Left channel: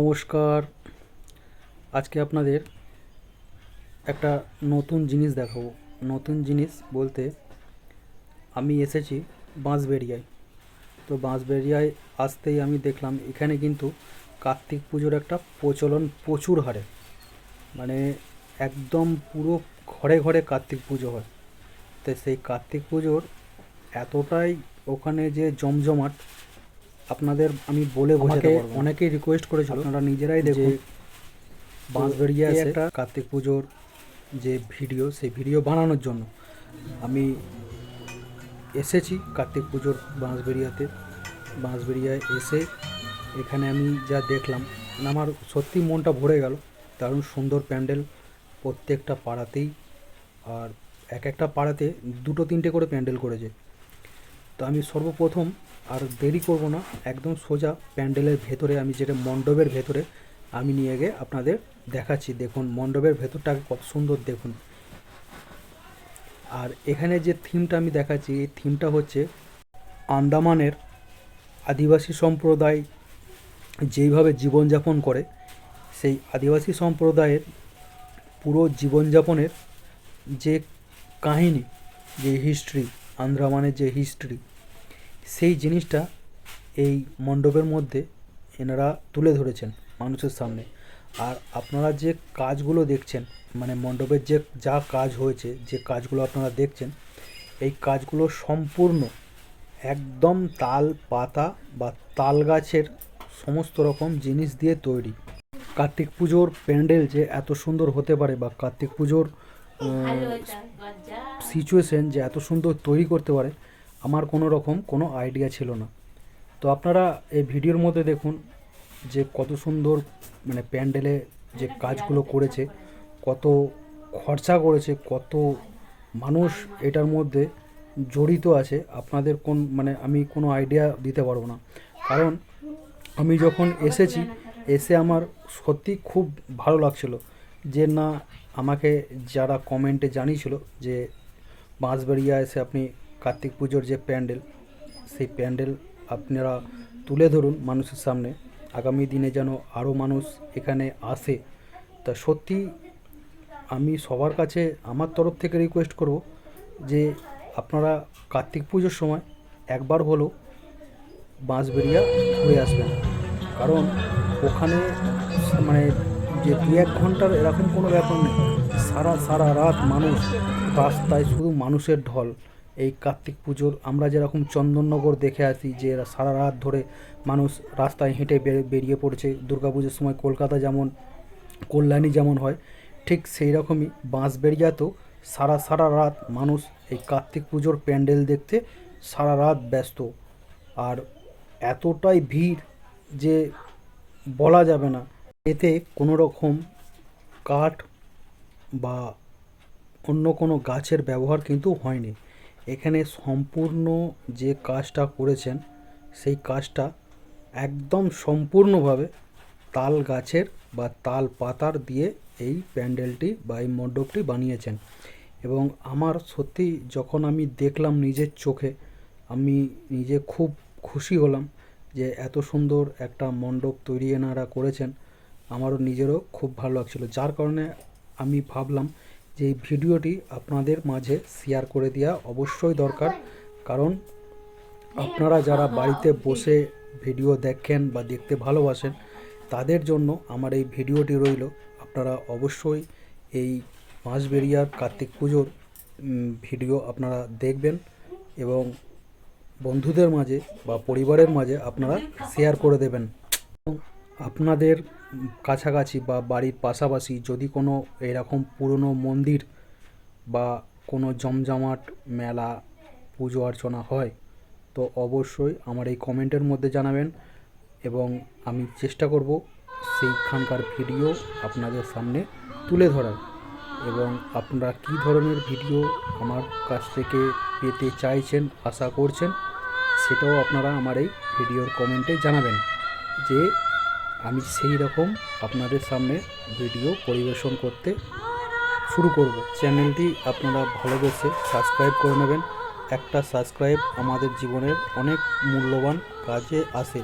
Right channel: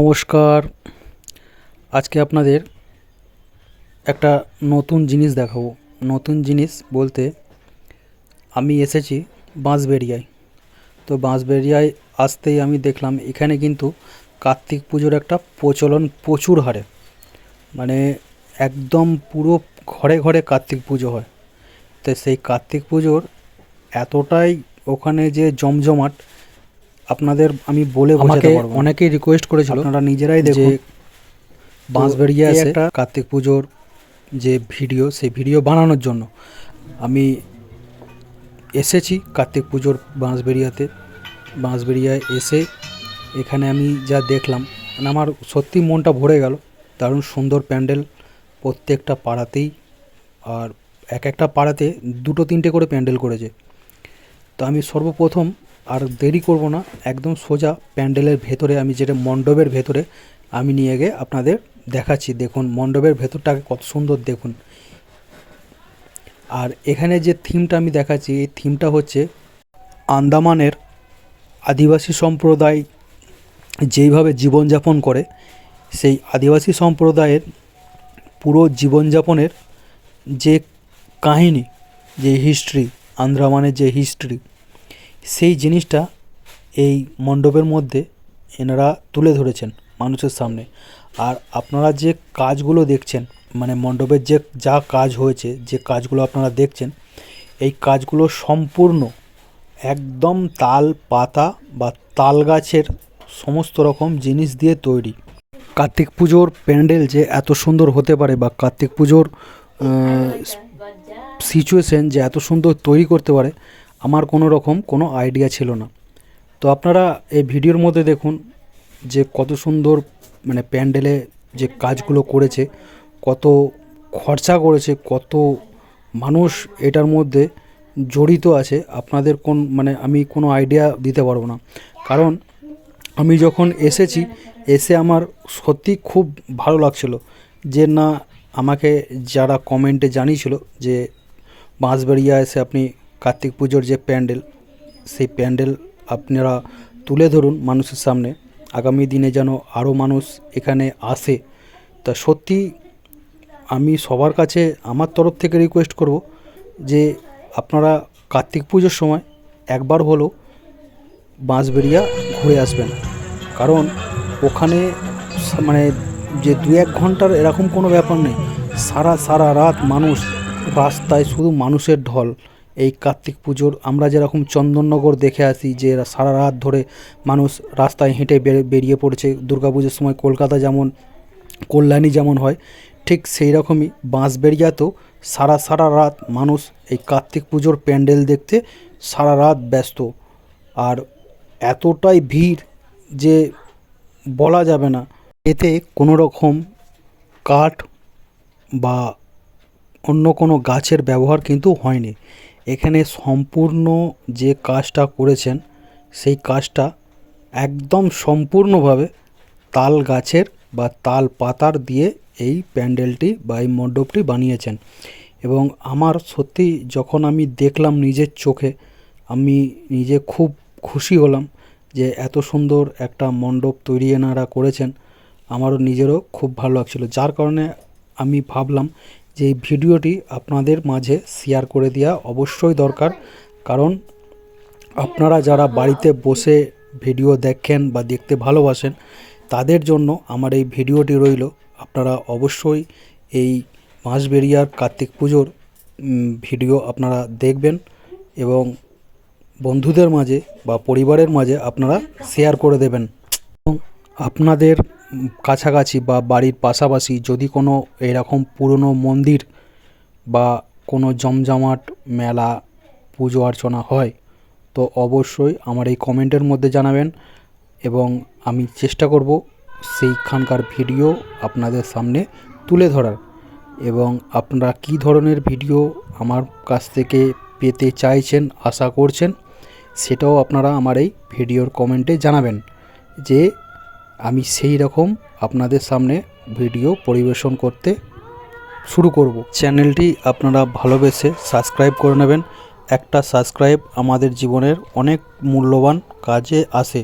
নমস্কার। আজকে আপনাদের একটা নতুন জিনিস দেখাবো। নতুন জিনিস বলতে আমি এসেছি বাঁশবেড়িয়ায়। তো বাঁশবেড়িয়ায় আসতেই আমি দেখলাম, এখানে কিন্তু কার্তিক পুজোর একটা প্রচলন প্রচুর হারে। মানে একদম পুরো ঘরে ঘরে কার্তিক পুজো হয়। তো সেই কার্তিক পুজোর এতটাই ওখানে যে জমজমাট আপনাদের আমি বলে বোঝাতে পারব অনেকেই রিকোয়েস্ট করেছিল আপনারা নিজেরাই দেখুন বাঁশবেড়িয়া আছে একটা কার্তিক পুজোর যে ভিডিও সেই ভিডিও বানানোর জন্য আমি এসেছি কার্তিক পুজোর বাঁশবেড়িয়াতে। বাঁশবেড়িয়ায় এসে এখানে আমি যা দেখলাম মানে আমার সত্যি মনটা ভরে গেল। দারুণ সুন্দর প্যান্ডেল প্রত্যেকটা পাড়াতেই আর এক একটা পাড়াতে দুটো তিনটে করে প্যান্ডেল করেছে। তো আমি সর্বপ্রথম আর দেরি করব না, একদম সোজা প্যান্ডেলের ভেতরে, আমি যেটা মণ্ডপের ভেতরে, আমি নিয়ে গিয়ে আপনাদের দেখাচ্ছি। দেখুন, মণ্ডপের ভেতরটাকে কত সুন্দর, দেখুন। আর এখানে যে থিমটা আমি দেখাচ্ছি, এই থিমটা হচ্ছে আন্দামানের আদিবাসী সম্প্রদায় যেইভাবে জীবনযাপন করে, সেই আদিবাসী সম্প্রদায়ের পুরো জীবনযাপনের যে কাহিনী, যে হিস্ট্রি আন্দ্রামানের যে হিস্ট্রি সেই জিনিসটা এই মণ্ডপের মধ্যে এনারা তুলে ধরেছেন মানুষের সামনে। আর আপনারা যে কাজগুলো দেখছেন মানে মণ্ডপের যে যা কাজ হয়েছে, যে কাজগুলো আপনারা দেখছেন, এই কাজগুলো সম্পূর্ণ একদম তাল পাতা বা তাল গাছের সমস্ত রকম জিনিস দিয়ে তৈরি। কার্তিক পুজোর প্যান্ডেল যে এত সুন্দর হতে পারে বা কার্তিক পুজোর সিচুয়েশন যে এত সুন্দর তৈরি করতে পারে আমার কোনো রকম কোনো আইডিয়া ছিল না। তো আপনারা এই ভিডিওর মধ্যে দেখুন যে কত সুন্দর মানে প্যান্ডেলে যে কাজগুলো করেছে, কত খরচা করেছে, কত মানুষ এটার মধ্যে জড়িত আছে। আপনাদের কোন মানে আমি কোনো আইডিয়া দিতে পারব না। কারণ আমি যখন এসেছি, এসে আমার সত্যি খুব ভালো লাগছিল যে না, আমাকে যারা কমেন্টে জানিয়েছিল যে বাঁশবেড়িয়া এসে আপনি কার্তিক পুজোর যে প্যান্ডেল, সেই প্যান্ডেল আপনারা তুলে ধরুন মানুষের সামনে। আগামী দিনে যেন আরও মানুষ এখানে আসে। তা সত্যি আমি সবার কাছে আমার তরফ থেকে রিকোয়েস্ট করব যে আপনারা কার্তিক পুজোর সময় একবার হলো বাঁশবেড়িয়া ঘুরে আসবেন। কারণ ওখানে মানে যে দু এক ঘণ্টার এরকম কোনো ব্যাপার নেই। সারা সারা রাত মানুষ রাস্তায় শুধু মানুষের ঢল। এই কার্তিক পুজোর। আমরা যেরকম চন্দননগর দেখে আসি যে সারা রাত ধরে মানুষ রাস্তায় হেঁটে বের- বেরিয়ে পড়ছে। দুর্গাপুজোর সময় কলকাতা যেমন, কল্যাণী যেমন হয়, ঠিক সেই রকমই বাঁশবেড়িয়াতেও সারা সারা রাত মানুষ এই কার্তিক পুজোর প্যান্ডেল দেখতে সারা রাত ব্যস্ত। আর এতটাই ভিড় যে বলা যাবে না। এতে কোনো রকম কাঠ বা অন্য কোনো গাছের ব্যবহার কিন্তু হয়নি। এখানে সম্পূর্ণ যে কাজটা করেছেন, সেই কাজটা একদম সম্পূর্ণভাবে তাল গাছের বা তাল পাতার দিয়ে এই প্যান্ডেলটি বা এই মণ্ডপটি বানিয়েছেন। এবং আমার সত্যি যখন আমি দেখলাম নিজের চোখে, আমি নিজে খুব খুশি হলাম যে এত সুন্দর একটা মণ্ডপ তৈরি এনারা করেছেন। আমারও নিজেরও খুব ভালো লাগছিল। যার কারণে আমি ভাবলাম যে এই ভিডিওটি আপনাদের মাঝে শেয়ার করে দেওয়া অবশ্যই দরকার। কারণ আপনারা যারা বাড়িতে বসে ভিডিও দেখেন বা দেখতে ভালোবাসেন, তাদের জন্য আমার এই ভিডিওটি রইল। আপনারা অবশ্যই এই মাসবেরিয়ার কার্তিক পুজোর ভিডিও আপনারা দেখবেন এবং বন্ধুদের মাঝে বা পরিবারের মাঝে আপনারা শেয়ার করে দেবেন। আপনাদের কাছাকাছি বা বাড়ির পাশাপাশি যদি কোনো এরকম পুরনো মন্দির বা কোনো জমজমাট মেলা, পুজো অর্চনা হয়, তো অবশ্যই আমার এই কমেন্টের মধ্যে জানাবেন এবং আমি চেষ্টা করব সেইখানকার ভিডিও আপনাদের সামনে তুলে ধরার এবং আপনারা কী ধরনের ভিডিও আমার কাছ থেকে পেতে চাইছেন, আশা করছেন, সেটাও আপনারা আমার এই ভিডিওর কমেন্টে জানাবেন যে আমি সেই রকম আপনাদের সামনে ভিডিও পরিবেশন করতে শুরু করব। চ্যানেলটি আপনারা ভালোবেসে সাবস্ক্রাইব করে নেবেন। একটা সাবস্ক্রাইব আমাদের জীবনের অনেক মূল্যবান কাজে আসে।